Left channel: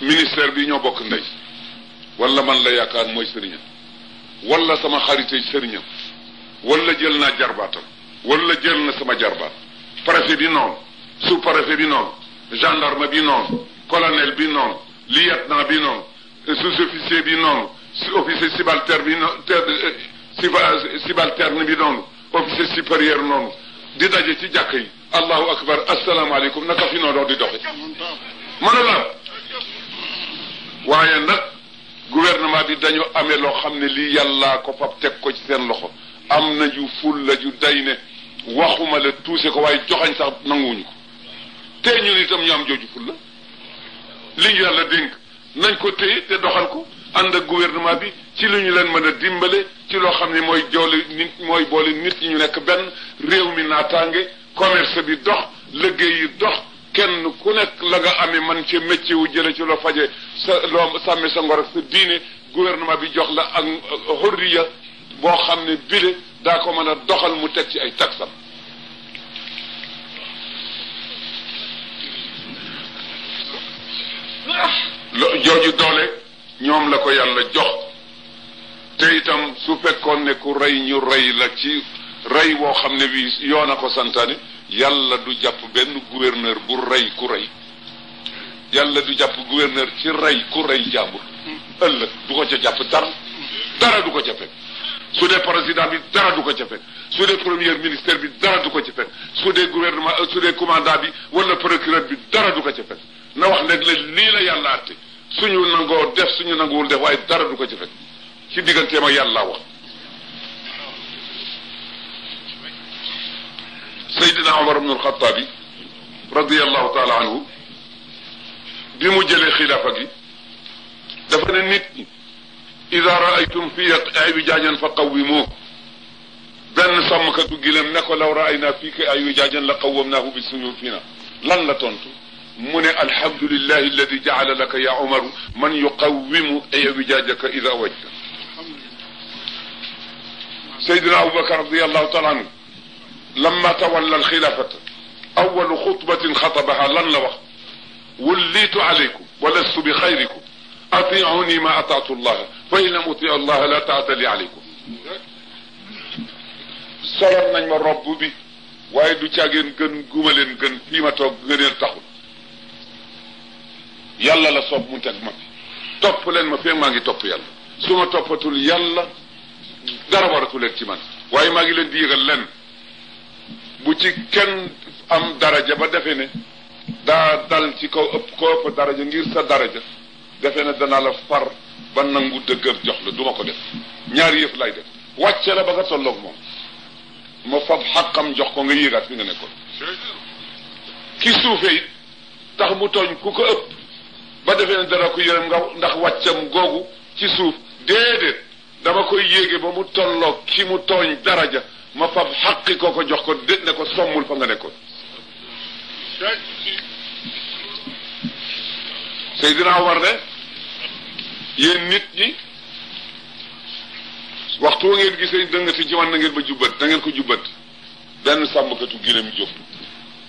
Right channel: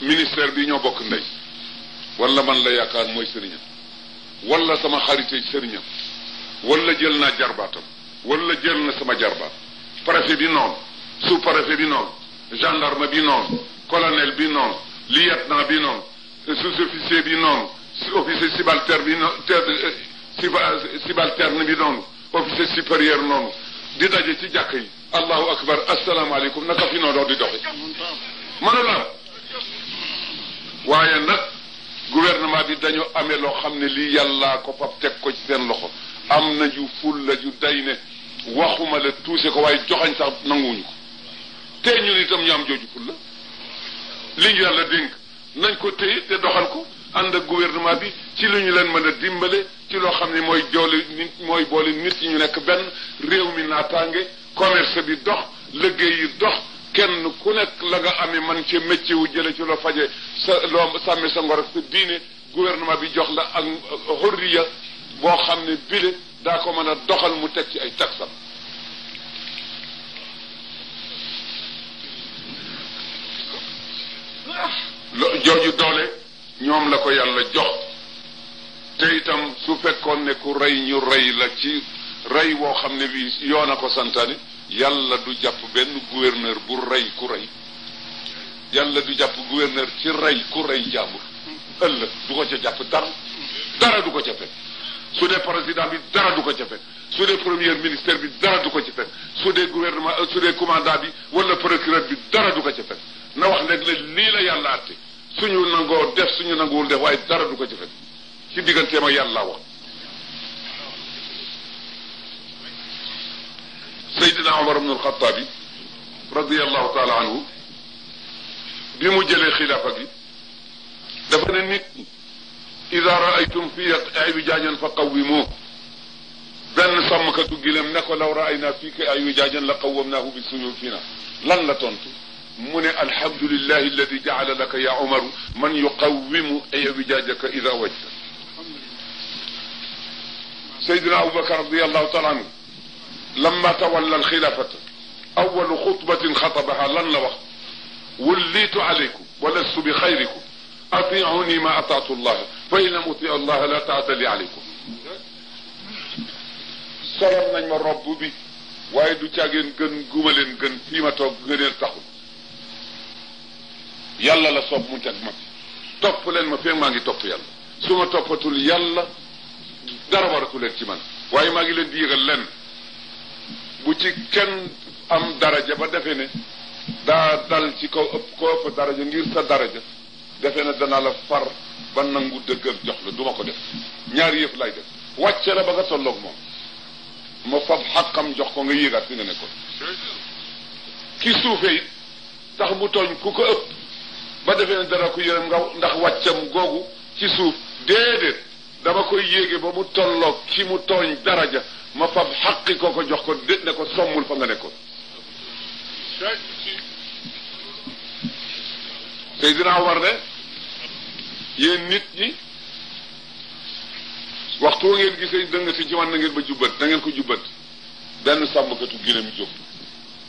ministère bi ñoo bokk ndey wala man la yaakaar mooy sëriñam wala sama xaritay sëriñam wala jël naa jarbaatam wala jël na sama jarbaat préfet bi noonu sous préfet bi noonu gendarme bi noonu colonel bi noonu lieutenant bi noonu sous-officier bi noonu officier subalterne bi noonu subalterne bi noonu officier supérieur noonu di daje ci jàkk yi allahu akbar asalaamaaleykum naka fi noonu di doxe mën la waaye nag gouvernement bi dañu amee loo xam ne lii yàllaa ko fab teg ko ci seen loxo am na ju ful la ju day ne waxuma la tuuse ko waaye joxañ sax nanguwuñu ko te ñun itam ñu am jooju ful la li ñu yàlla dénk nañ ko téye te doxal ko ànd ak gouvernement bi ci li ñu leen mën a dimbale ci loo xam ne mooy joole nit mooy boole nit ñi ñu nekk benn réew mi naataange commerce bi dox liggéey yi dox kenn ku nekk la nga amee man ci métier wu jële ci loo faje sa loo sàmme sa ngor ak sa diine gouvernement bi jox la ak xurriya boo xam ne bile daa ko mën a doxal mu teg ci ay taxam jooju doole ñoom la ko yàlla jox te itam su fekkoon ne ku rey ñu rey la ci rey woo xam ne bi yoon a ko santaane yàlla du jàpp benn gouverneur bu rey ku rey yàlla du jàpp gouverneur ci rey ku rey jàmbur ëllëg du ko ca jàpp dara du ko ca fekk su dee président bi dara du ko ca fekk su dee premier ministère bi dara du ko ca fekk su dee gouvernement su dee commandant bi wala procureur bi dara du ko ca fekk na wax nag lii la yàlla àtte suñu nangoo def suñu nanguwul def waaye dara du ko ca fekk ci digganteem ak yàlla wax Seydina Omar ibn al-Khattabi radiyallahu taala anhu bi mu jëlee xilaafa gi dafa ne nit ñi ida raaytum fi wijaajan fa qawwimuuh benn sàmmkatu gileem ne ko law raayna fiika wijaajan la qawwamnaahu bi suyuufina lan la tontu mu ne alhamdulillahi alladi jaala laka ya Omaru man yuqawwimu wijaajaka ida wajta Seydina Abubakar radiyallahu taala anhu lamma tawalla alxilaafata awalu xutbatin xatabaha lan la wax wullitu alaykum wa lastu bi xayrikum atiuni ma ataatu llaha fa in lam uti allaha la taata li alaykum solal nañ ma robb bi waaye du caageen gën guma leen gën fii ma toog gëneel taxul yàlla la soob mu teg ma fi topp leen ma fii maa ngi topp yàlla su ma toppatul yàlla dara waratu leen ci man waaye maa ngi leen di yëgal leen bu ci kenn am daraja ba defe ne daa dal ci kaw ëpp ko ëpp daraja ngir sa daraja defe ne danaa la far ba nangu dëggal jox la duma ko def ñaari yëf lay def wàcce la ba nga tolloog moom ma fab xàqam jox ko nga yéegaat fi nga nekkoon ki suufe it tax mu tooñ ku ko ëpp ba defee ne dana ko yërëm nga ndax wàccam googu ci suuf déedéet dama koy yéege ba mu tolloog ki mu tooñ daraja ma fab xaqi ko jox ko dét ne ko sommul fa nga nekkoon Seydina Omar ne yéen nit ñi waxtu wa ngeen gisee dëngati ci man na ngeen ba jubbat da ngeen ko jubbat benn sàmmkatu gileem jóg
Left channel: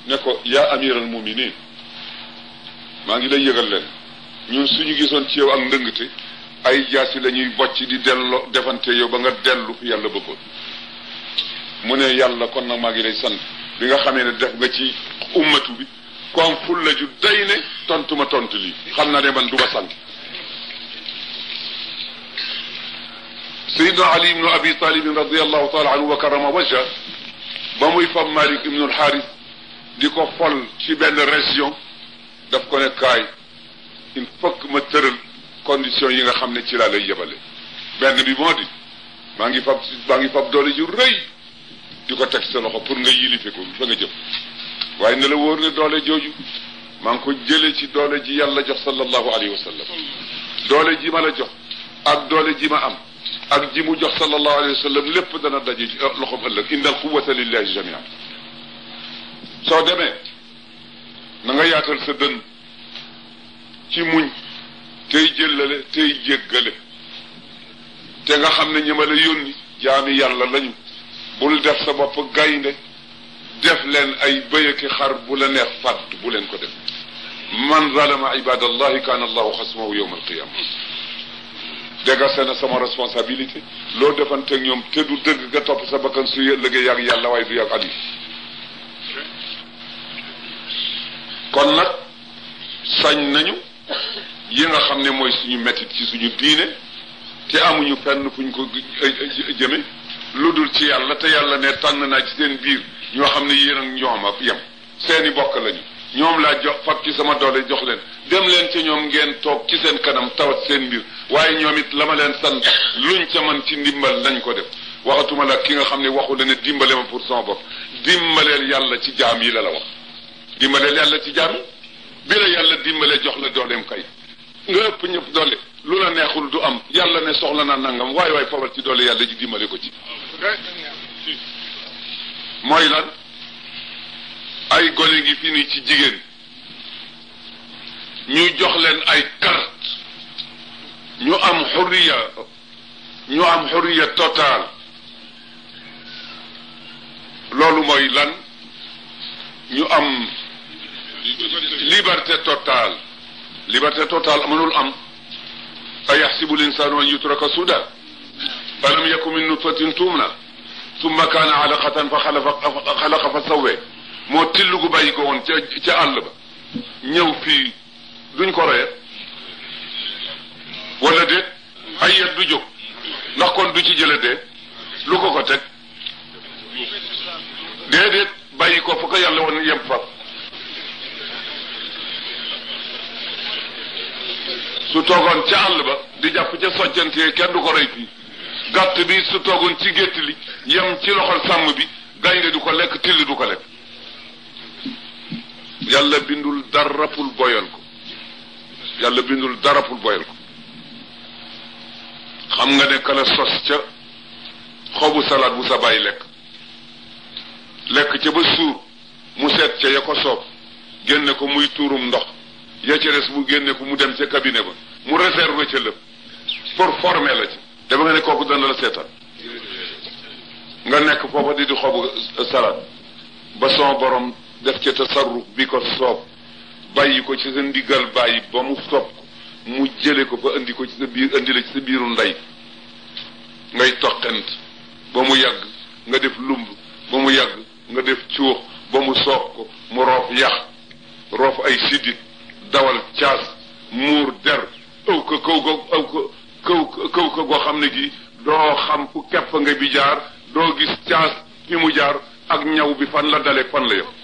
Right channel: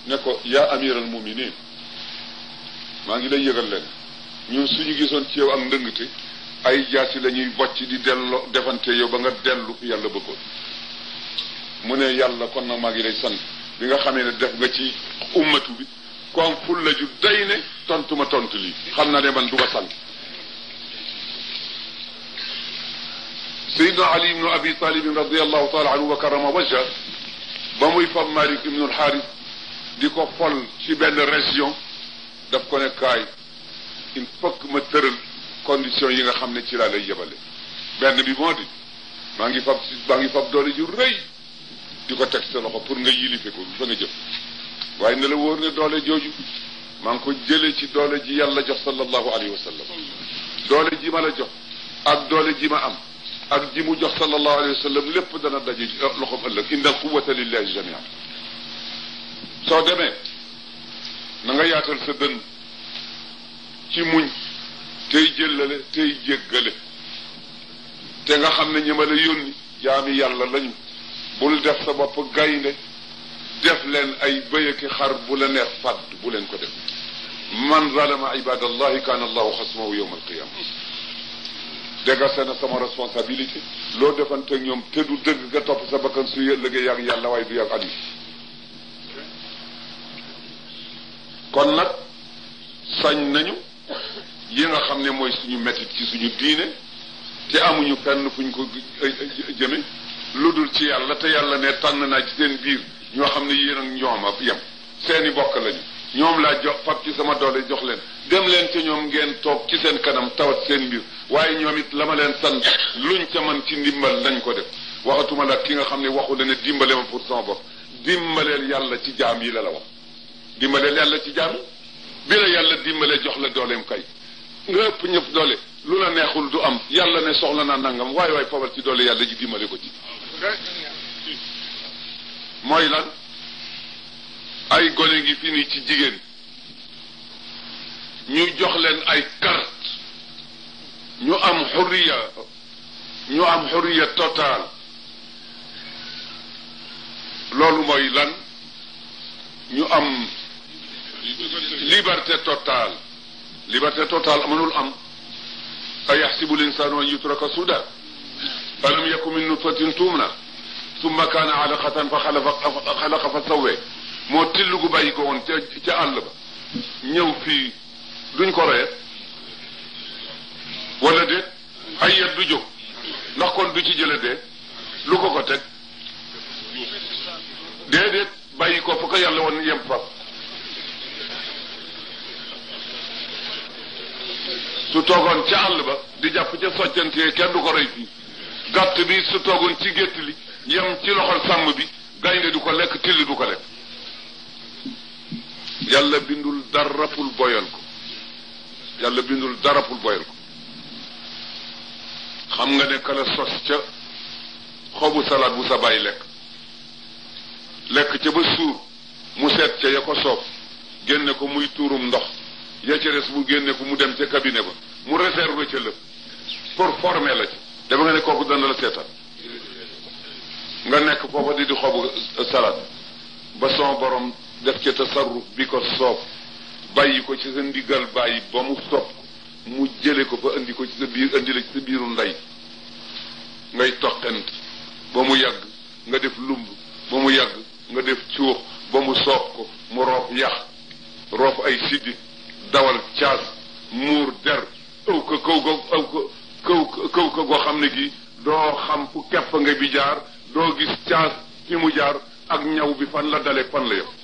ne ko yaa amiral muminin maa ngi lay yëgal leen ñun suñu gisoon ci yow ak ndëngte ay jaasi la ñuy bocc di delloo defante yow ba nga dellu fi yàlla bëggoon mu ne yàlla kon nag maa ngi lay sant bi nga xamee ne def nga ci ummatu bi ku am ful la ju day ne tontu ma tontu lii xam naa ne man du ma sant Seydina Ali ibnu Abi Talib radiallahu taala anhu wa karama wajha ba muy fab Malik ibnu al-Harith di ko fol ci benn région daf ko ne kaay il faut que ma tëral condition yi nga xam ne ci laa lay yebale benn bi moo di maa ngi fab doole ju rëy di ko teg sa loxo pour nga yilife ko fa nga jëm waaye ne la wóor ne doole jooju maa ngi ko jële ci doole ji yàlla jox sallallahu alayhi wa sallam doole ji ma la jox ak doole ji ma am ak ji mu jox sallallahu alayhi wa sallam lépp dana daje ci loxoom ëllëg inna al quwwata lillahi jamian soo demee na nga yaatal sa dënn ci muñ tey jëllale tey jéggale te nga xam ne ñi ma la yónni jaami yàlla lañu bul def sa bopp gaynde def leen ay bëy ak xar bu la neex fàdd bu leen ko def man zalama ibadallahi kaana allahu xasmahu yawma alqiyama dégase na sama responsabilité loo defante ak ñoom te du dëgg nga topp sa bakkan su liggéey yàgg yàlla waaye du yàgg ali kon nag sañ nañu yi nga xam ne mooy suñu métit ci suñu diine te amuñu fenn fuñ ko jëme lu dul ci yàlla te yàlla ne tànn naa ci seen biir ñoo xam ne yéen ak ñoom a yem seeni bokk lañu ñoom laa jox fab ci sama doole jox leen dem leen ca ñoom ngeen toog ci seen kanam tawat seen mbir waaye ñoom it la ma leen sant luñ ca man ci ndimbal nañ ko def waxatuma la ki nga xam ne waxu la ne dimbale ma pour sama bopp dimbaleel yàlla ci jaam yi la wax dimbaleel yàlla ci jaam yi bi la yàlla dimbale jox la dooleem kay nga ëpp ñëpp doole lu la neexul du am yàlla ne soxla naa nangam waaye waaye fabal ci doole yàlla ji dimbale ko ci mooy lan ay gone gi fii nii ci jigéen ñu jox leen ay carte ñu am xurriya total loolu mooy lan ñu am liberté totale mënul am ayaxsibu linsaanu an yutraka suda alam yakun min nutfatin tumna summa kaana alaqatan fa xalaqa fa sawwe moo till gu bàyyi ko woon ca àll ba ñëw fii duñ ko roye wala déet ay yet du jóg ndax kon du ci jële dee lu ko teg déedéet bàyyi ko fa ko yàlla woon yem fa su toogoon ca àll ba di jàpp ca soccantee kenn du ko rey fii gàtt bi su toogoon ci gétt li yem ci loxol sàmm bi gaynde du ko lekk till du ko lekk yàlla bindul dara pour boyal ko xam nga ne kala sos ca xobu salaat bu sa bàyyi lekk ca ba suur mu seet ca ya ko soob génne ko muy tuurum ndox ya ca res mu génne ko mu dem ca cabinet ba mu réserve ca lépp pour former la ci dafa nga ne kooku dana la seetal nga nekk foofa di xobu salaat ba son borom def ca tasarruf bi ko soob bàyyi ko ci sa ndigal bàyyi ba mu soob mu jële ko ba indi ko ci sa biir indi la ci sa biiru ndey ngay toqent ba mu yàgg nga def lumb ba mu yàgg nga def cuux ba mu soob ko mu roof yax roof ay siddit dawal caas muur der ëw ko kaw ko goo xam ne gi doo xam fu kepp nga bi jaar doo gis caas fi mu jaar ak ñaw bi fan la daleeg fan la yëpp